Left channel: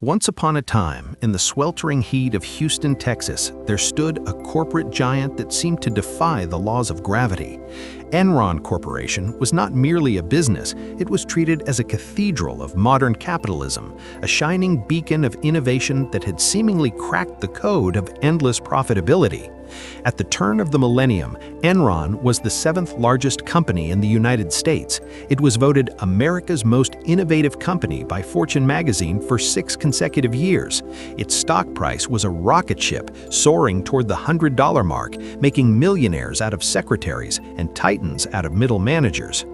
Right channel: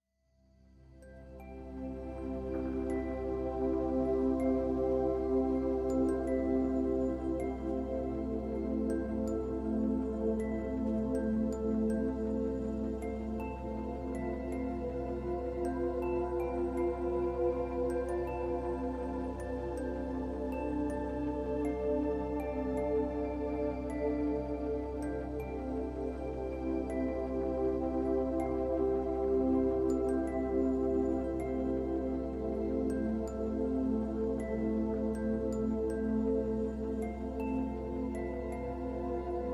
Once upon a time, in the sweltering heat of Houston, Texas, there stood a corporate giant that seemed to defy the laws of gravity. Enron Corporation was not merely a business, it was treated as a cathedral of modern capitalism, a shining beacon of innovation that had seemingly cracked the code of endless profitability. At the turn of the millennium, Enron was the seventh largest company in the United States. It was voted America's most innovative company by Fortune magazine for 6 consecutive years. Its stock price was a rocket ship, soaring toward the $100 mark, making millionaires out of secretaries and titans out of middle managers.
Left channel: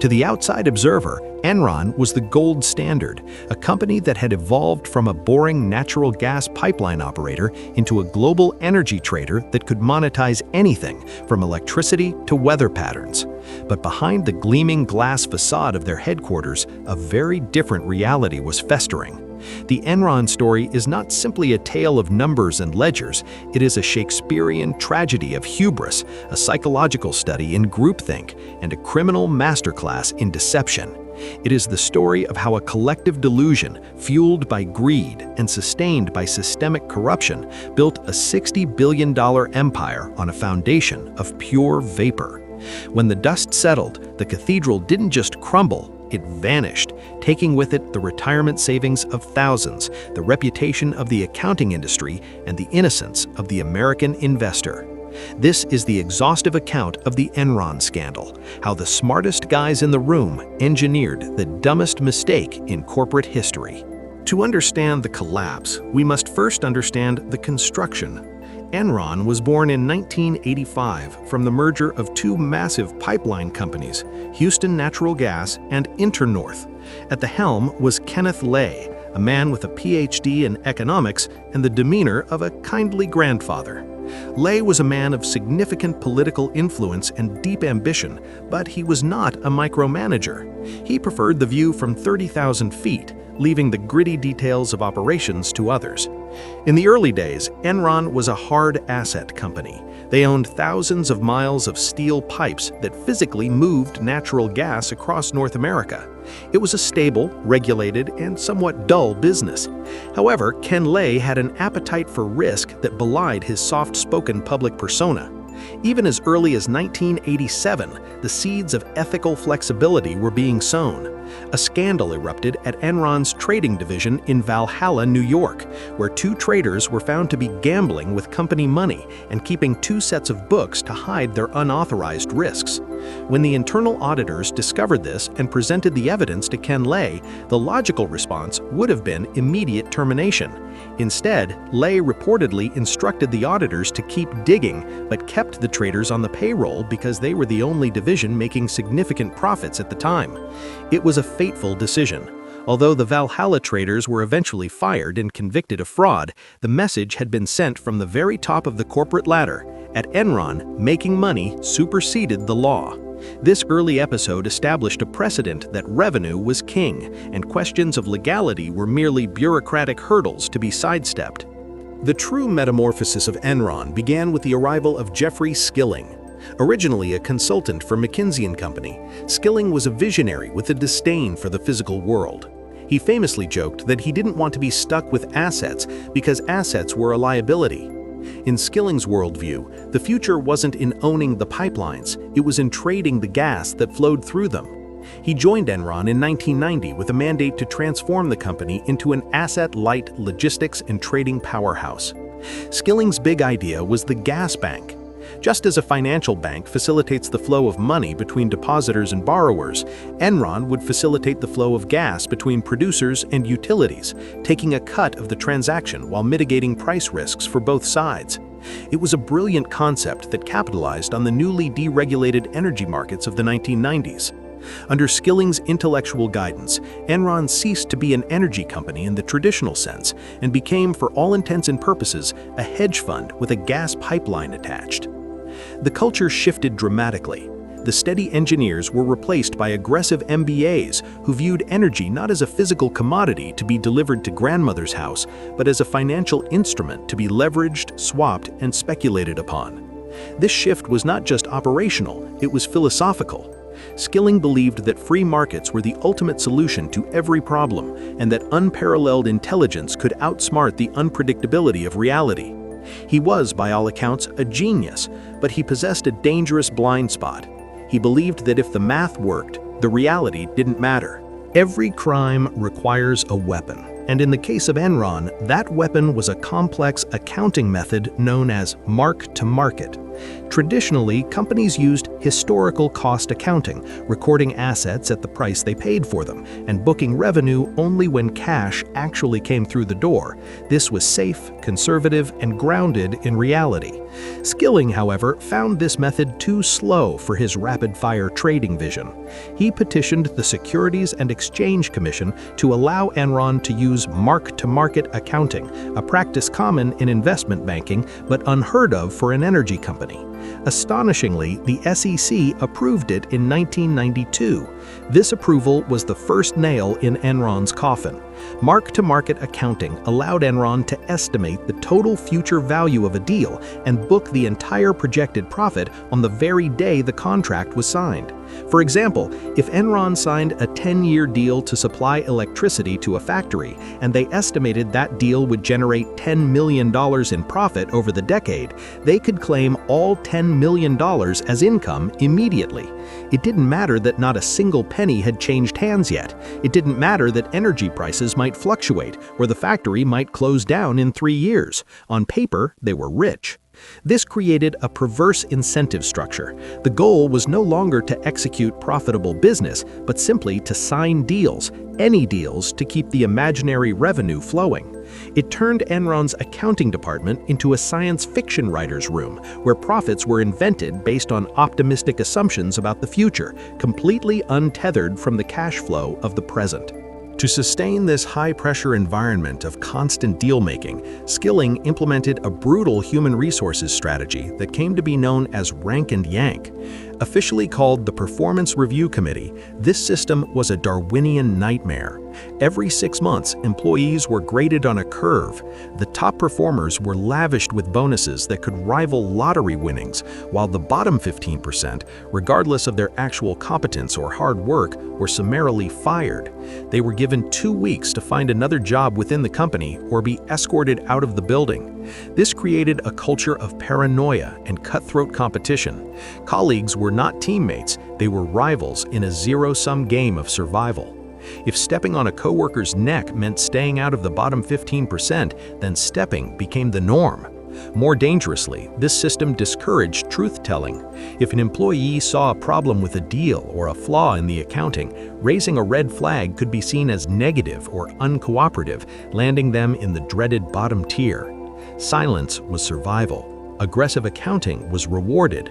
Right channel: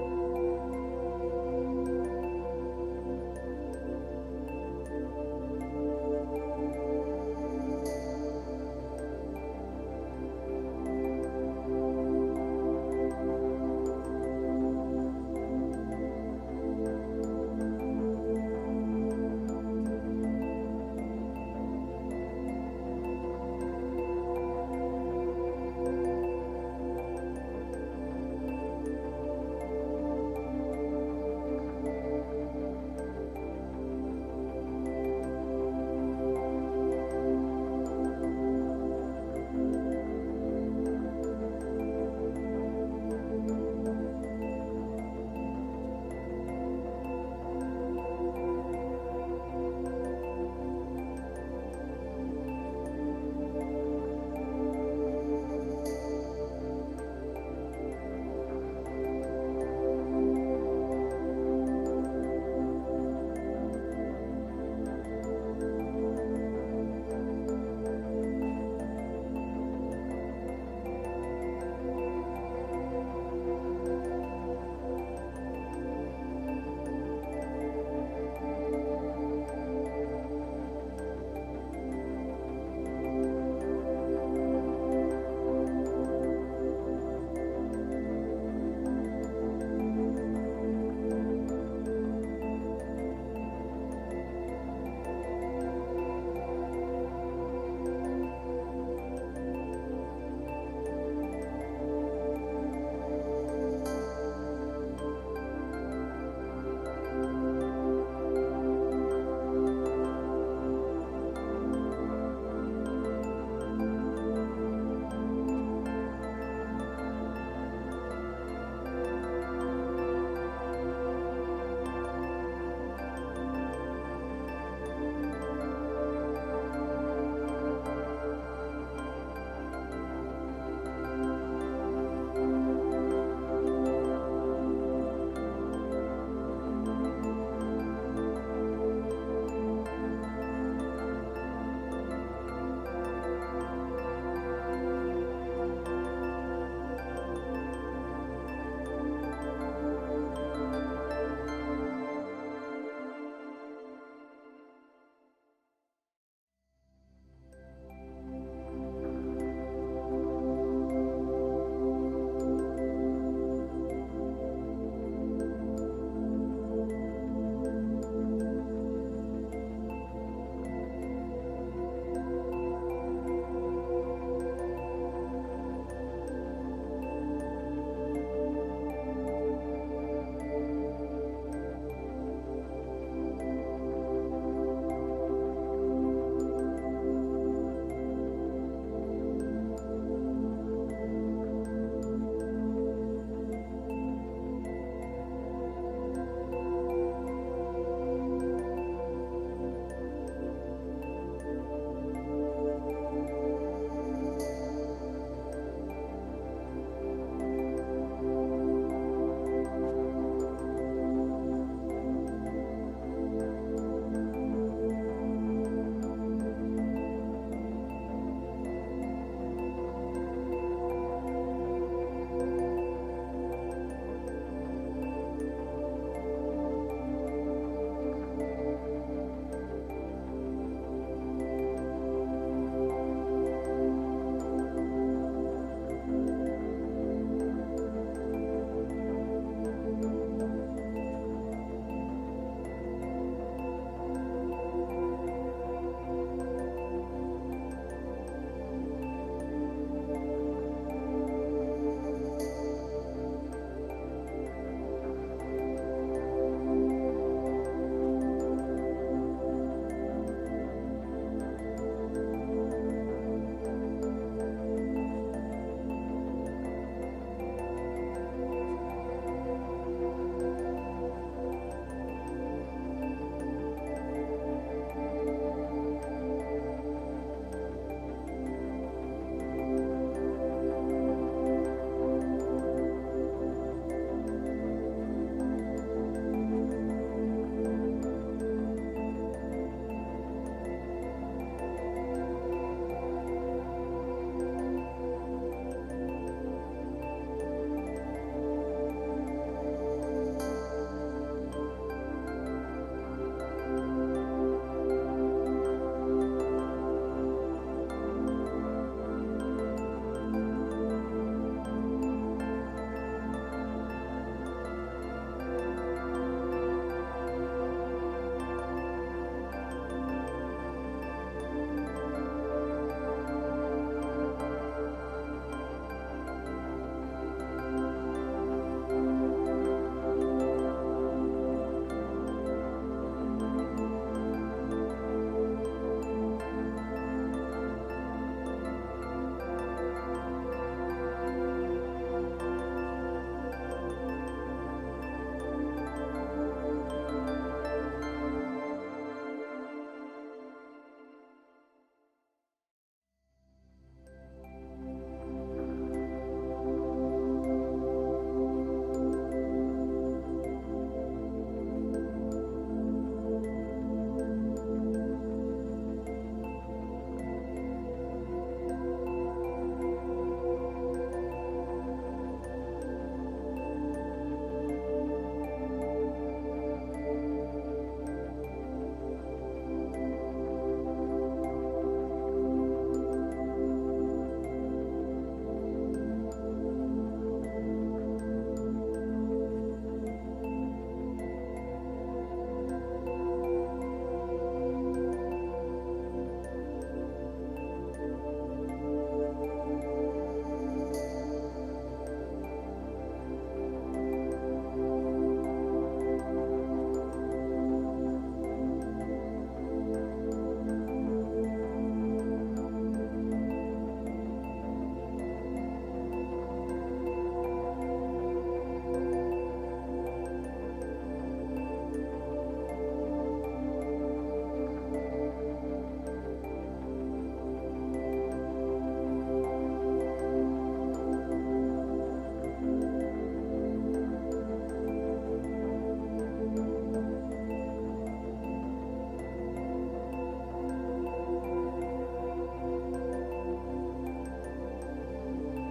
To the outside observer, Enron was the gold standard, a company that had evolved from a boring natural gas pipeline operator into a global energy trader that could monetize anything from electricity to weather patterns. But behind the gleaming glass facade of their headquarters, a very different reality was festering. The Enron story is not simply a tale of numbers and ledgers, it is a Shakespearean tragedy of hubris, a psychological study in groupthink, and a criminal masterclass in deception. It is the story of how a collective delusion, fueled by greed and sustained by systemic corruption, built a $60 billion empire on a foundation of pure vapor. When the dust settled, the cathedral didn't just crumble, it vanished, taking with it the retirement savings of thousands, the reputation of the accounting industry, and the innocence of the American investor. This is the exhaustive account of the Enron scandal, how the smartest guys in the room engineered the dumbest mistake in corporate history. To understand the collapse, we must first understand the construction. Enron was born in 1985 from the merger of two massive pipeline companies, Houston Natural Gas and Internorth. At the helm was Kenneth Lay, a man with a PhD in economics and the demeanor of a kindly grandfather. Lay was a man of significant political influence and deep ambition, but he was not a micromanager. He preferred the view from 30,000 feet, leaving the gritty details of operations to others. In the early days, Enron was a hard asset company. They owned thousands of miles of steel pipes that physically moved natural gas across North America. It was a stable, regulated, and somewhat dull business. However, Ken Lay had an appetite for risk that belied his soft-spoken public persona. Even as early as 1987, the seeds of ethical flexibility were being sown. A scandal erupted at Enron's trading division in Valhalla, New York, where two traders were found to be gambling with company money and keeping two sets of books to hide their unauthorized risks. When the internal auditors discovered this and presented the evidence to Ken Lay, the logical response would have been immediate termination. Instead, Lay reportedly instructed the auditors to keep digging, but kept the traders on the payroll because they were the only division making significant profits at the time. It was a fateful decision. Although the Valhalla traders were eventually fired and convicted of fraud, the message had been sent from the very top of the corporate ladder. At Enron, making money superseded the law. This early episode established a precedent that revenue was king, and questions of legality were merely bureaucratic hurdles to be sidestepped. The true metamorphosis of Enron began with the arrival of Jeffrey Skilling. Originally a consultant for McKinsey & Company, Skilling was a visionary with a disdain for the physical world. He famously joked that he didn't want to be stuck with assets because assets were a liability. In Skilling's worldview, the future wasn't in owning the pipelines, it was in trading the gas that flowed through them. He joined Enron in 1990 with a mandate to transform the company into an asset-light logistics and trading powerhouse. Skilling's big idea was the gas bank. Just as a financial bank facilitates the flow of money between depositors and borrowers, Enron would facilitate the flow of gas between producers and utilities, taking a cut of the transaction while mitigating price risks for both sides. It was a brilliant concept that capitalized on the newly deregulated energy markets of the 1990s. Under Skilling's intellectual guidance, Enron ceased to be an energy company in the traditional sense and became, for all intents and purposes, a hedge fund with a gas pipeline attached. The culture shifted dramatically. The steady engineers were replaced by aggressive MBAs who viewed energy not as a physical commodity to be delivered to grandmother's house, but as a financial instrument to be leveraged, swapped, and speculated upon. This shift was not just operational, it was philosophical. Skilling believed that free markets were the ultimate solution to every problem and that unparalleled intelligence could outsmart the unpredictability of reality. He was, by all accounts, a genius, but he possessed a dangerous blind spot. He believed that if the math worked, the reality didn't matter. Every crime requires a weapon, and in the case of Enron, that weapon was a complex accounting method known as mark-to-market. Traditionally, companies used historical cost accounting, recording assets at the price they paid for them, and booking revenue only when cash actually came through the door. This was safe, conservative, and grounded in reality. Skilling, however, found this method too slow for his rapid-fire trading vision. He petitioned the Securities and Exchange Commission to allow Enron to use mark-to-market accounting, a practice common in investment banking but unheard of for an energy company. Astonishingly, the SEC approved it in 1992. This approval was the first nail in Enron's coffin. Mark-to-market accounting allowed Enron to estimate the total future value of a deal and book the entire projected profit on the very day the contract was signed. For example, if Enron signed a 10-year deal to supply electricity to a factory and they estimated that deal would generate $10 million in profit over the decade, they could claim all $10 million as income immediately. It didn't matter that not a single penny had changed hands yet. It didn't matter that energy prices might fluctuate or the factory might close down in 3 years. On paper, they were rich. This created a perverse incentive structure. The goal was no longer to execute profitable business, but simply to sign deals, any deals, to keep the imaginary revenue flowing. It turned Enron's accounting department into a science fiction writer's room, where profits were invented based on optimistic assumptions about the future, completely untethered from the cash flow of the present. To sustain this high-pressure environment of constant deal-making, Skilling implemented a brutal human resources strategy that came to be known as rank and yank. Officially called the Performance Review Committee, this system was a Darwinian nightmare. Every 6 months, employees were graded on a curve. The top performers were lavished with bonuses that could rival lottery winnings, while the bottom 15%, regardless of their actual competence or hard work, were summarily fired. They were given 2 weeks to find another job within the company or be escorted out of the building. This created a culture of paranoia and cutthroat competition. Colleagues were not teammates, they were rivals in a zero-sum game of survival. If stepping on a coworker's neck meant staying out of the bottom 15%, then stepping became the norm. More dangerously, this system discouraged truth-telling. If an employee saw a problem with a deal or a flaw in the accounting, raising a red flag could be seen as negative or uncooperative, landing them in the dreaded bottom tier. Silence was survival. Aggressive accounting was rewarded.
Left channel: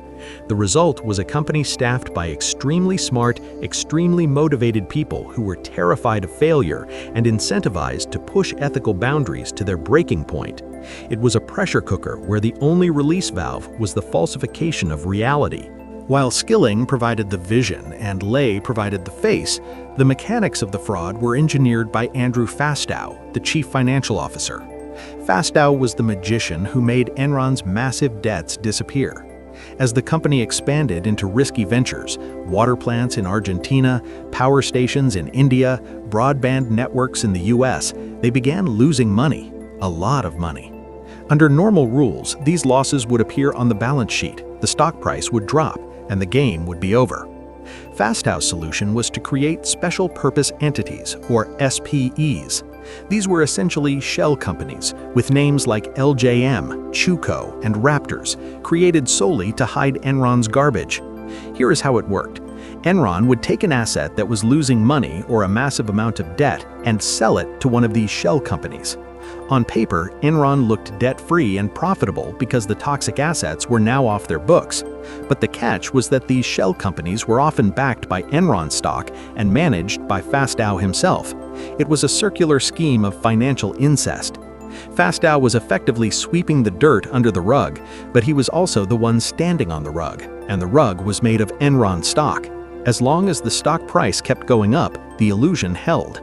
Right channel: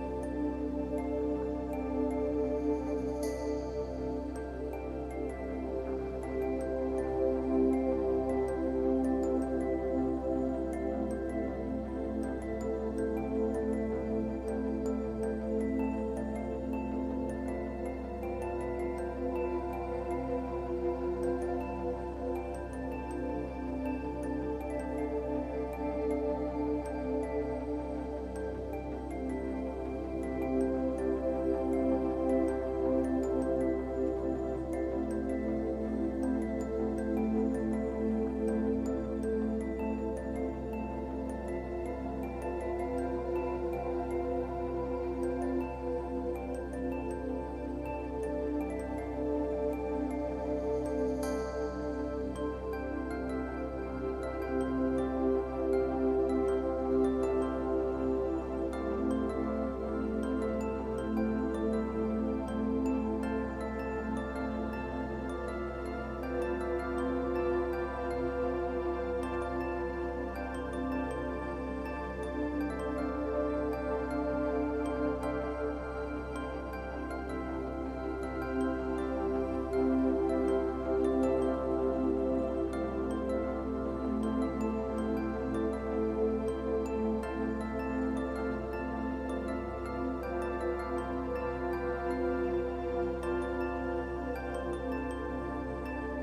The result was a company staffed by extremely smart, extremely motivated people who were terrified of failure and incentivized to push ethical boundaries to their breaking point. It was a pressure cooker where the only release valve was the falsification of reality. While Skilling provided the vision and Lay provided the face, the mechanics of the fraud were engineered by Andrew Fastow, the chief financial officer. Fastow was the magician who made Enron's massive debts disappear. As the company expanded into risky ventures, water plants in Argentina, power stations in India, broadband networks in the US, they began losing money, a lot of money. Under normal rules, these losses would appear on the balance sheet, the stock price would drop, and the game would be over. Fastow's solution was to create special purpose entities, or SPEs. These were essentially shell companies, with names like LJM, Chuco, and Raptors, created solely to hide Enron's garbage. Here is how it worked. Enron would take an asset that was losing money or a massive amount of debt and sell it to one of these shell companies. On paper, Enron looked debt-free and profitable because the toxic assets were now off their books. But the catch was that these shell companies were often backed by Enron stock and managed by Fastow himself. It was a circular scheme of financial incest. Fastow was effectively sweeping the dirt under the rug, but he was also the one standing on the rug, and the rug was made of Enron stock. As long as the stock price kept going up, the illusion held.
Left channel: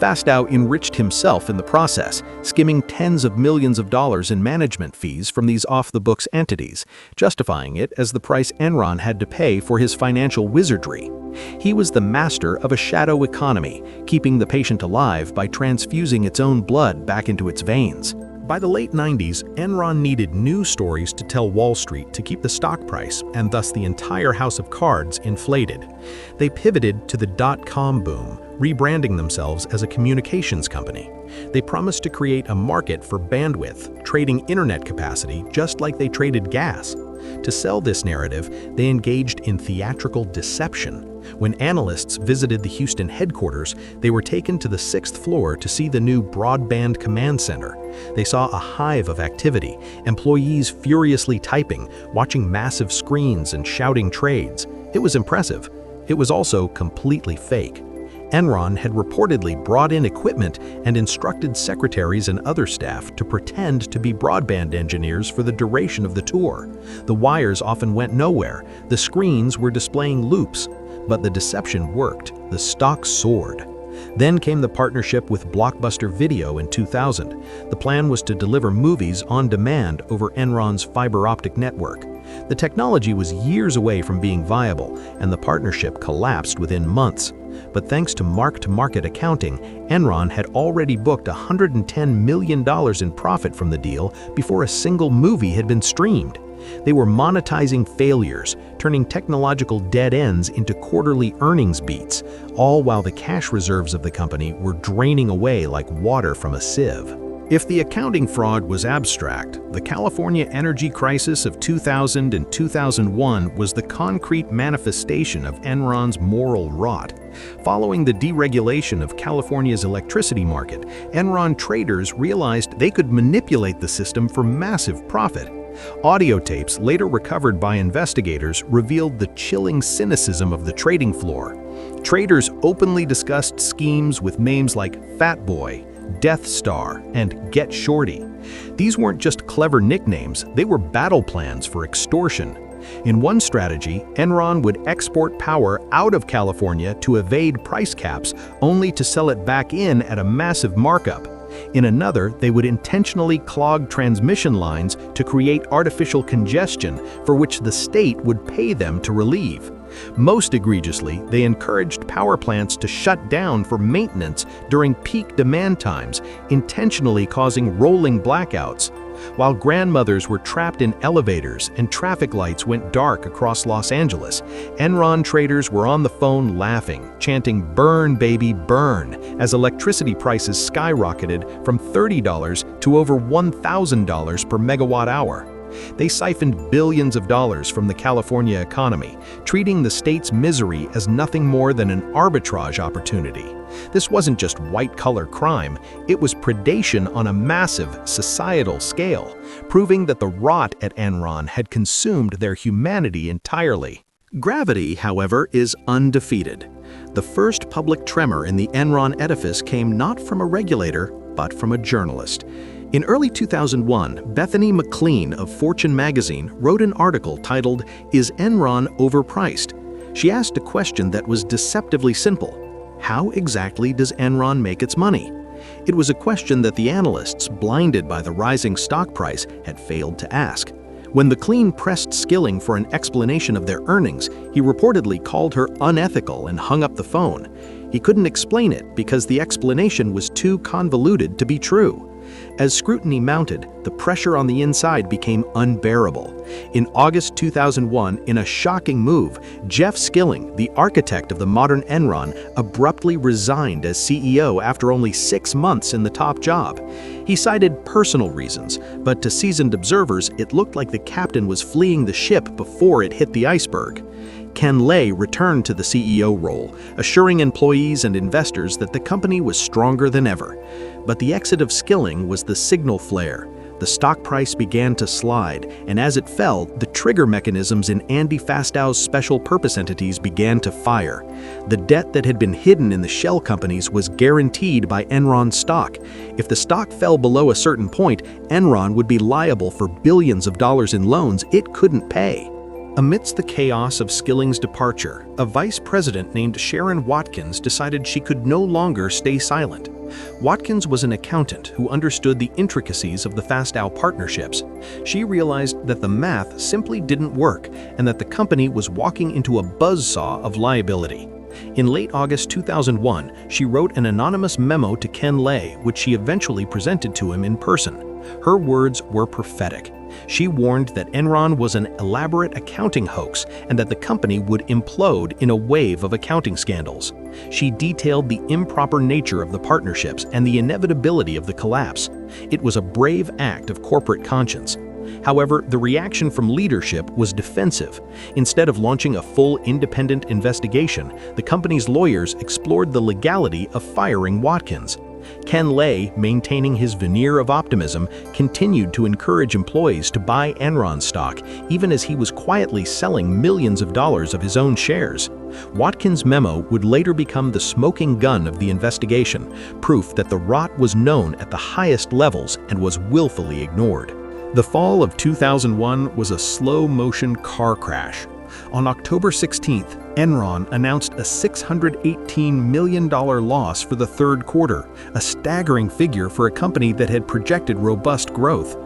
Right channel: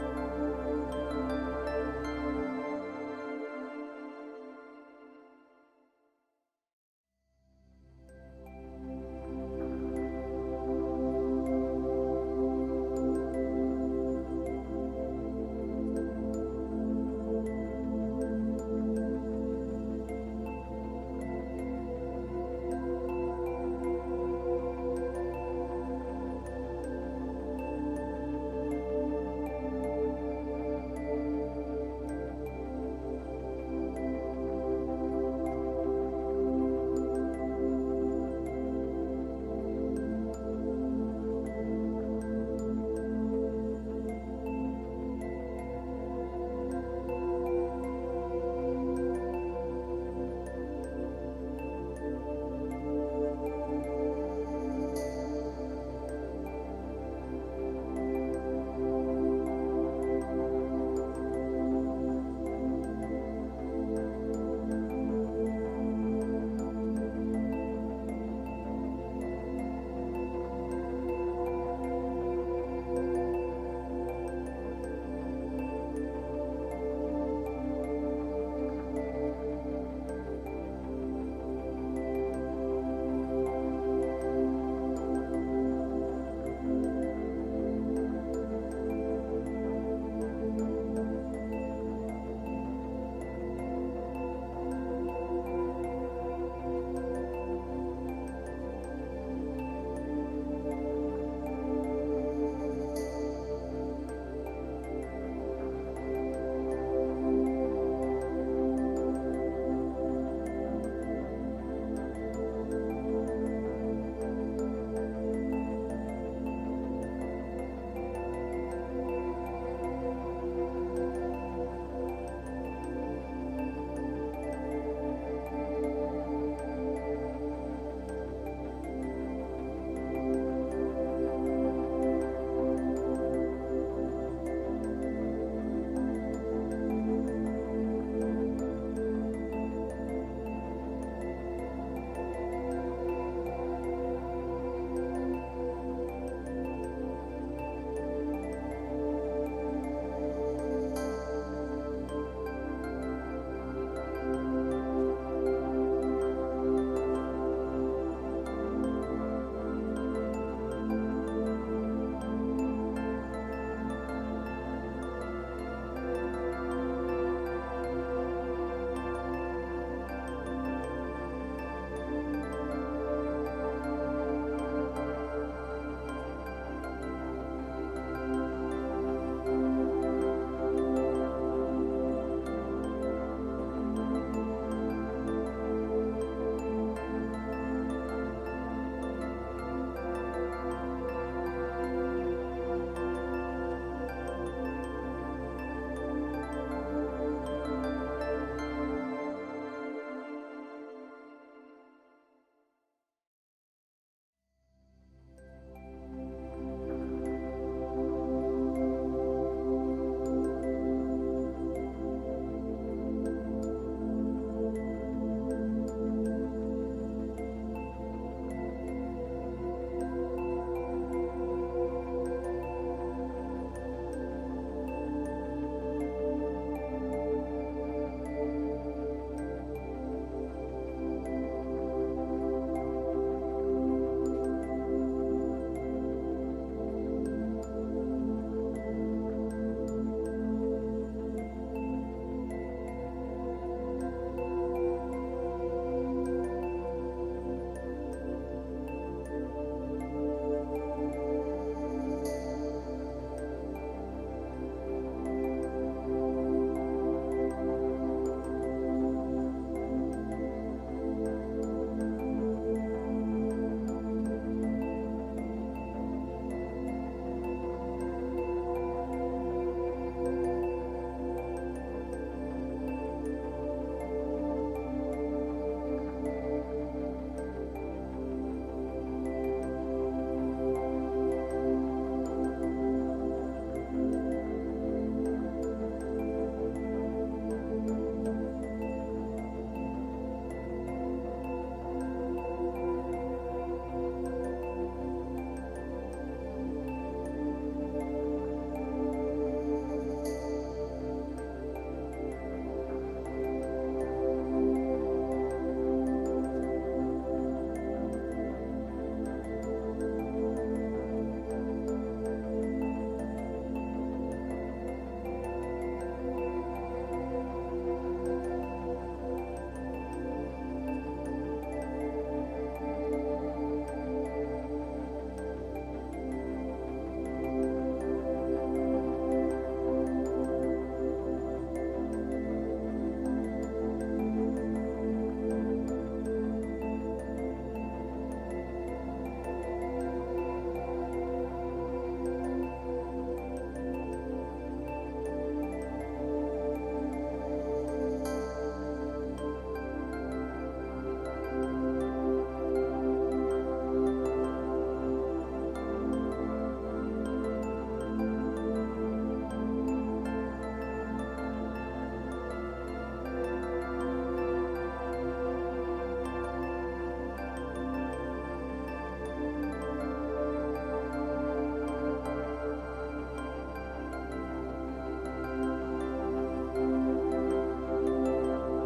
Fastow enriched himself in the process, skimming tens of millions of dollars in management fees from these off-the-books entities, justifying it as the price Enron had to pay for his financial wizardry. He was the master of a shadow economy, keeping the patient alive by transfusing its own blood back into its veins. By the late 90s, Enron needed new stories to tell Wall Street to keep the stock price, and thus the entire house of cards, inflated. They pivoted to the dot-com boom, rebranding themselves as a communications company. They promised to create a market for bandwidth, trading internet capacity just like they traded gas. To sell this narrative, they engaged in theatrical deception. When analysts visited the Houston headquarters, they were taken to the 6th floor to see the new broadband command center. They saw a hive of activity, employees furiously typing, watching massive screens and shouting trades. It was impressive. It was also completely fake. Enron had reportedly brought in equipment and instructed secretaries and other staff to pretend to be broadband engineers for the duration of the tour. The wires often went nowhere. The screens were displaying loops. But the deception worked. The stock soared. Then came the partnership with Blockbuster Video in 2000. The plan was to deliver movies on demand over Enron's fiber optic network. The technology was years away from being viable, and the partnership collapsed within months. But thanks to mark-to-market accounting, Enron had already booked $110 million in profit from the deal before a single movie had been streamed. They were monetizing failures, turning technological dead ends into quarterly earnings beats, all while the cash reserves of the company were draining away like water from a sieve. If the accounting fraud was abstract, the California energy crisis of 2000 and 2001 was the concrete manifestation of Enron's moral rot. Following the deregulation of California's electricity market, Enron traders realized they could manipulate the system for massive profit. Audio tapes later recovered by investigators revealed the chilling cynicism of the trading floor. Traders openly discussed schemes with names like Fat Boy, Death Star, and Get Shorty. These weren't just clever nicknames, they were battle plans for extortion. In one strategy, Enron would export power out of California to evade price caps, only to sell it back in at a massive markup. In another, they would intentionally clog transmission lines to create artificial congestion for which the state would pay them to relieve. Most egregiously, they encouraged power plants to shut down for maintenance during peak demand times, intentionally causing rolling blackouts. While grandmothers were trapped in elevators and traffic lights went dark across Los Angeles, Enron traders were on the phone laughing, chanting "Burn, baby, burn," as electricity prices skyrocketed from $30 to over $1,000 per megawatt hour. They siphoned billions of dollars from the California economy, treating the state's misery as nothing more than an arbitrage opportunity. This wasn't just white-collar crime, it was predation on a massive societal scale, proving that the rot at Enron had consumed their humanity entirely. Gravity, however, is undefeated. The first public tremor in the Enron edifice came not from a regulator, but from a journalist. In early 2001, Bethany McLean of Fortune magazine wrote an article titled, "Is Enron Overpriced?" She asked a question that was deceptively simple. How exactly does Enron make its money? It was a question that the analysts, blinded by the rising stock price, had failed to ask. When McLean pressed Skilling for an explanation of their earnings, he reportedly called her unethical and hung up the phone. He couldn't explain it because the explanation was too convoluted to be true. As scrutiny mounted, the pressure on the inside became unbearable. In August 2001, in a shocking move, Jeff Skilling, the architect of the modern Enron, abruptly resigned as CEO after only 6 months in the top job. He cited personal reasons, but to seasoned observers, it looked like the captain was fleeing the ship before it hit the iceberg. Ken Lay returned to the CEO role, assuring employees and investors that the company was stronger than ever. But the exit of Skilling was the signal flare. The stock price began to slide, and as it fell, the trigger mechanisms in Andy Fastow's special purpose entities began to fire. The debt that had been hidden in the shell companies was guaranteed by Enron stock. If the stock fell below a certain point, Enron would be liable for billions of dollars in loans it couldn't pay. Amidst the chaos of Skilling's departure, a vice president named Sharon Watkins decided she could no longer stay silent. Watkins was an accountant who understood the intricacies of the Fastow partnerships. She realized that the math simply didn't work and that the company was walking into a buzzsaw of liability. In late August 2001, she wrote an anonymous memo to Ken Lay, which she eventually presented to him in person. Her words were prophetic. She warned that Enron was an elaborate accounting hoax and that the company would implode in a wave of accounting scandals. She detailed the improper nature of the partnerships and the inevitability of the collapse. It was a brave act of corporate conscience. However, the reaction from leadership was defensive. Instead of launching a full independent investigation, the company's lawyers explored the legality of firing Watkins. Ken Lay, maintaining his veneer of optimism, continued to encourage employees to buy Enron stock, even as he was quietly selling millions of dollars of his own shares. Watkins' memo would later become the smoking gun of the investigation, proof that the rot was known at the highest levels and was willfully ignored. The fall of 2001 was a slow-motion car crash. On October 16th, Enron announced a $618 million loss for the third quarter, a staggering figure for a company that had projected robust growth.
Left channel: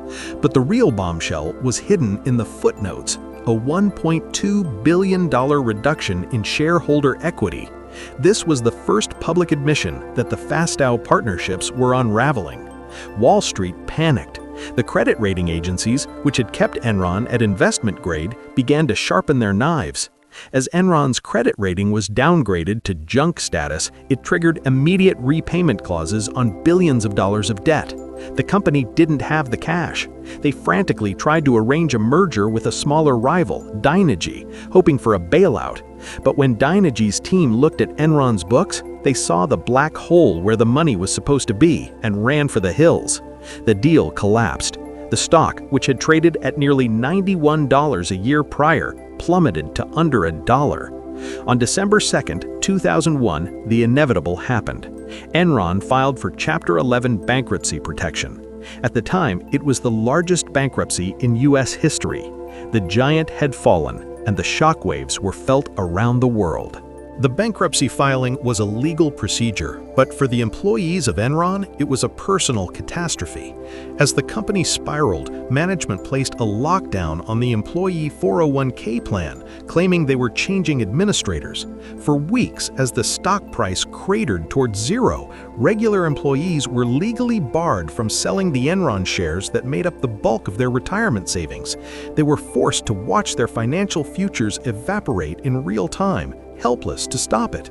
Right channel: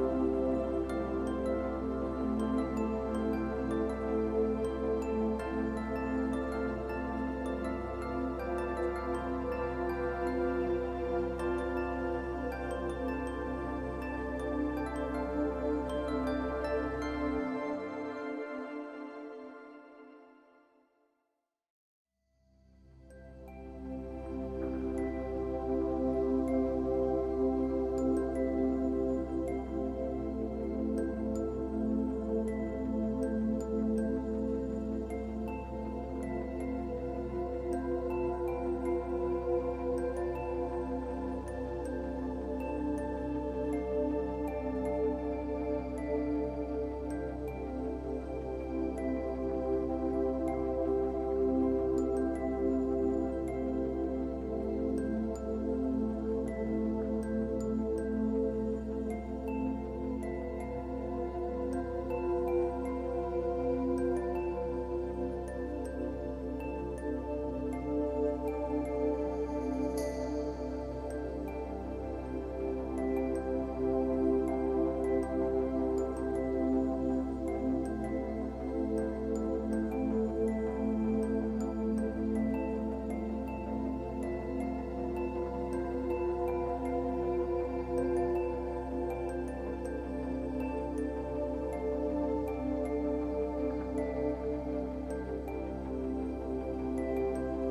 But the real bombshell was hidden in the footnotes, a $1.2 billion reduction in shareholder equity. This was the first public admission that the Fastow partnerships were unraveling. Wall Street panicked. The credit rating agencies, which had kept Enron at investment grade, began to sharpen their knives. As Enron's credit rating was downgraded to junk status, it triggered immediate repayment clauses on billions of dollars of debt. The company didn't have the cash. They frantically tried to arrange a merger with a smaller rival, Dynegy, hoping for a bailout. But when Dynegy's team looked at Enron's books, they saw the black hole where the money was supposed to be and ran for the hills. The deal collapsed. The stock, which had traded at nearly $91 a year prior, plummeted to under $1. On December 2, 2001, the inevitable happened. Enron filed for Chapter 11 bankruptcy protection. At the time, it was the largest bankruptcy in U.S. history. The giant had fallen, and the shockwaves were felt around the world. The bankruptcy filing was a legal procedure, but for the employees of Enron, it was a personal catastrophe. As the company spiraled, management placed a lockdown on the employee 401k plan, claiming they were changing administrators. For weeks, as the stock price cratered towards zero, regular employees were legally barred from selling the Enron shares that made up the bulk of their retirement savings. They were forced to watch their financial futures evaporate in real time, helpless to stop it.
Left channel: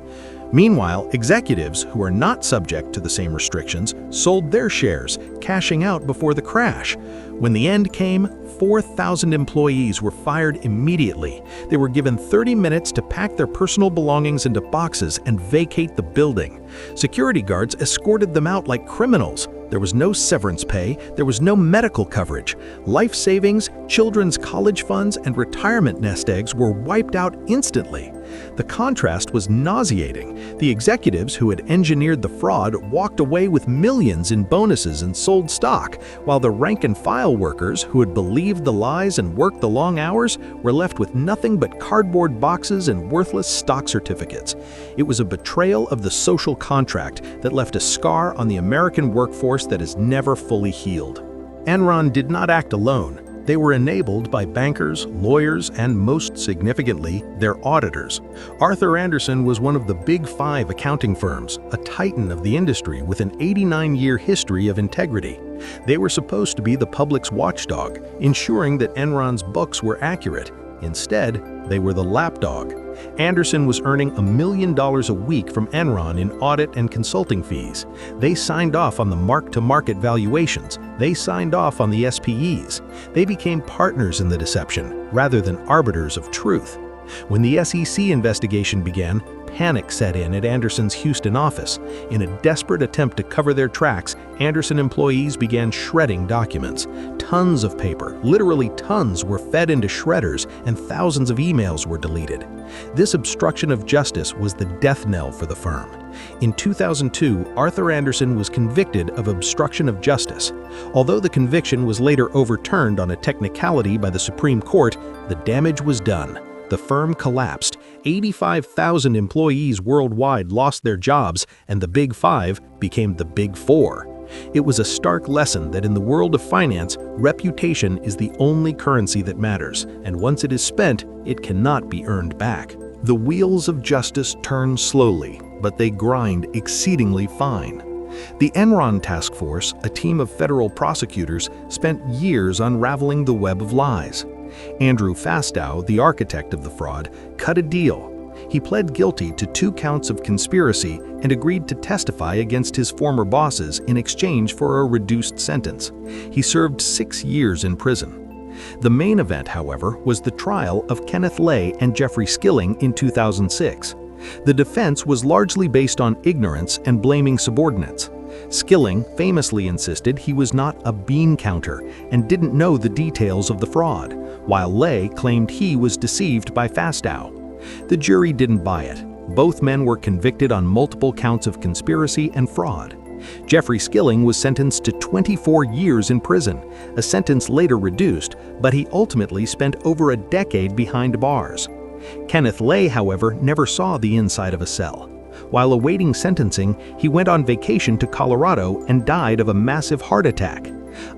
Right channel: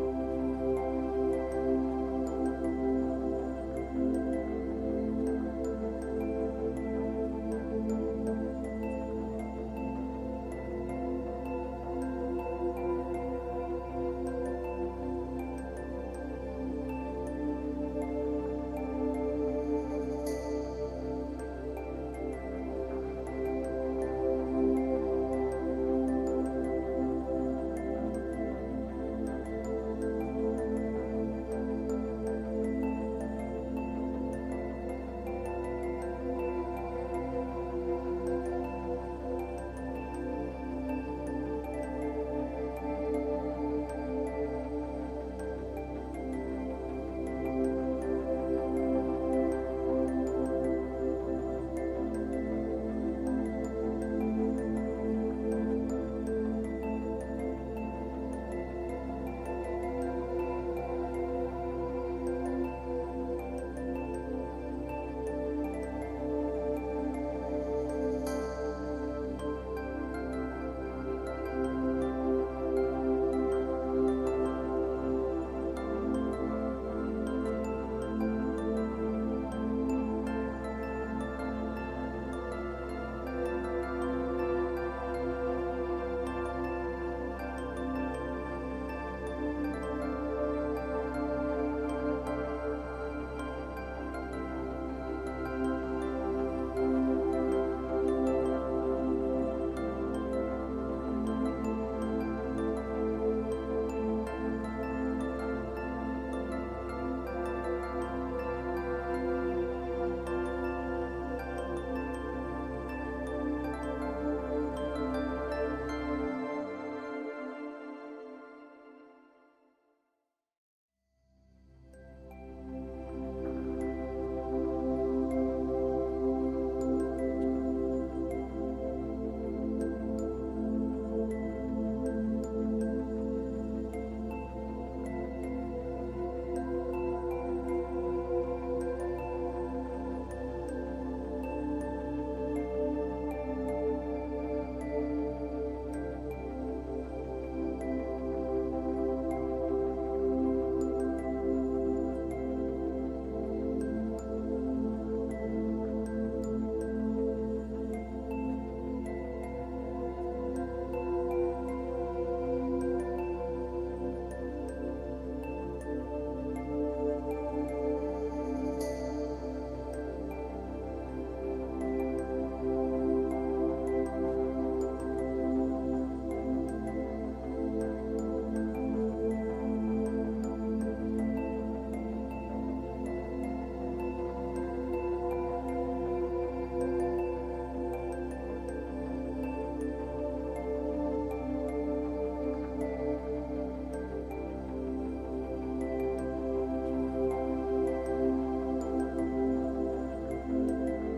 Meanwhile, executives who are not subject to the same restrictions sold their shares, cashing out before the crash. When the end came, 4,000 employees were fired immediately. They were given 30 minutes to pack their personal belongings into boxes and vacate the building. Security guards escorted them out like criminals. There was no severance pay, there was no medical coverage. Life savings, children's college funds, and retirement nest eggs were wiped out instantly. The contrast was nauseating. The executives who had engineered the fraud walked away with millions in bonuses and sold stock, while the rank-and-file workers who had believed the lies and worked the long hours were left with nothing but cardboard boxes and worthless stock certificates. It was a betrayal of the social contract that left a scar on the American workforce that is never fully healed. Enron did not act alone. They were enabled by bankers, lawyers, and most significantly, their auditors. Arthur Andersen was one of the Big Five accounting firms, a titan of the industry with an 89-year history of integrity. They were supposed to be the public's watchdog, ensuring that Enron's books were accurate. Instead, they were the lapdog. Andersen was earning $1 million a week from Enron in audit and consulting fees. They signed off on the mark-to-market valuations. They signed off on the SPEs. They became partners in the deception, rather than arbiters of truth. When the SEC investigation began, panic set in at Andersen's Houston office. In a desperate attempt to cover their tracks, Andersen employees began shredding documents. Tons of paper, literally tons, were fed into shredders, and thousands of emails were deleted. This obstruction of justice was the death knell for the firm. In 2002, Arthur Andersen was convicted of obstruction of justice. Although the conviction was later overturned on a technicality by the Supreme Court, the damage was done. The firm collapsed. 85,000 employees worldwide lost their jobs, and the Big Five became the Big Four. It was a stark lesson that in the world of finance, reputation is the only currency that matters, and once it is spent, it cannot be earned back. The wheels of justice turn slowly, but they grind exceedingly fine. The Enron task force, a team of federal prosecutors, spent years unraveling the web of lies. Andrew Fastow, the architect of the fraud, cut a deal. He pled guilty to 2 counts of conspiracy and agreed to testify against his former bosses in exchange for a reduced sentence. He served 6 years in prison. The main event, however, was the trial of Kenneth Lay and Jeffrey Skilling in 2006. The defense was largely based on ignorance and blaming subordinates. Skilling famously insisted he was not a bean counter and didn't know the details of the fraud, while Lay claimed he was deceived by Fastow. The jury didn't buy it. Both men were convicted on multiple counts of conspiracy and fraud. Jeffrey Skilling was sentenced to 24 years in prison, a sentence later reduced, but he ultimately spent over a decade behind bars. Kenneth Lay, however, never saw the inside of a cell. While awaiting sentencing, he went on vacation to Colorado and died of a massive heart attack.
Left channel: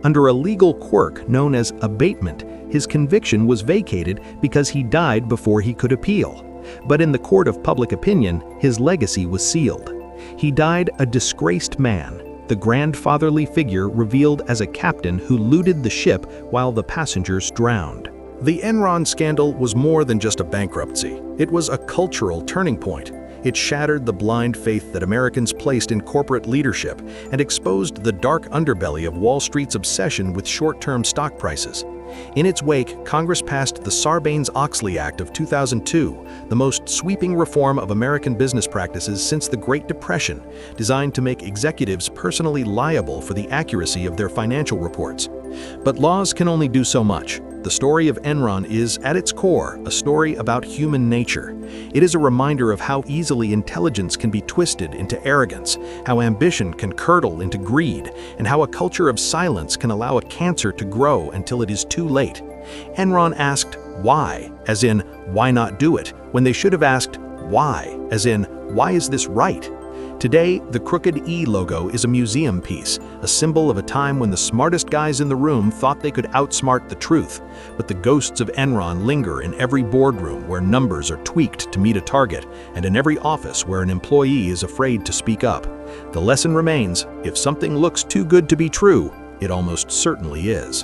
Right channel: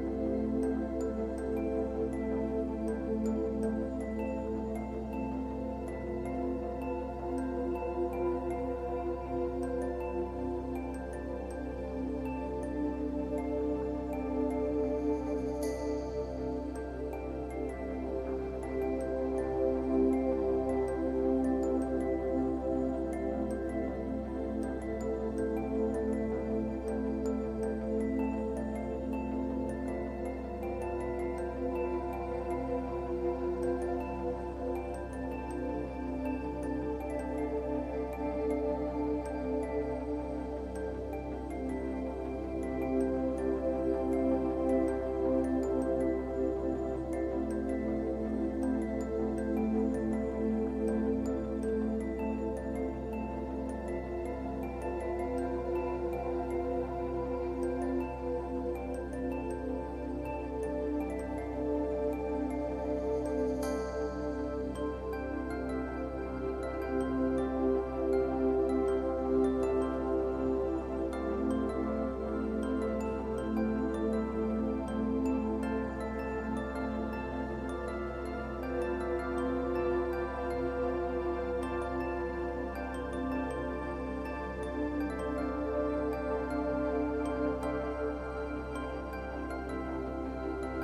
Under a legal quirk known as abatement, his conviction was vacated because he died before he could appeal. But in the court of public opinion, his legacy was sealed. He died a disgraced man, the grandfatherly figure revealed as a captain who looted the ship while the passengers drowned. The Enron scandal was more than just a bankruptcy. It was a cultural turning point. It shattered the blind faith that Americans placed in corporate leadership and exposed the dark underbelly of Wall Street's obsession with short-term stock prices. In its wake, Congress passed the Sarbanes-Oxley Act of 2002, the most sweeping reform of American business practices since the Great Depression, designed to make executives personally liable for the accuracy of their financial reports. But laws can only do so much. The story of Enron is, at its core, a story about human nature. It is a reminder of how easily intelligence can be twisted into arrogance, how ambition can curdle into greed, and how a culture of silence can allow a cancer to grow until it is too late. Enron asked, why, as in, why not do it, when they should have asked, why, as in, why is this right? Today, the crooked E logo is a museum piece, a symbol of a time when the smartest guys in the room thought they could outsmart the truth. But the ghosts of Enron linger in every boardroom where numbers are tweaked to meet a target, and in every office where an employee is afraid to speak up. The lesson remains, if something looks too good to be true, it almost certainly is.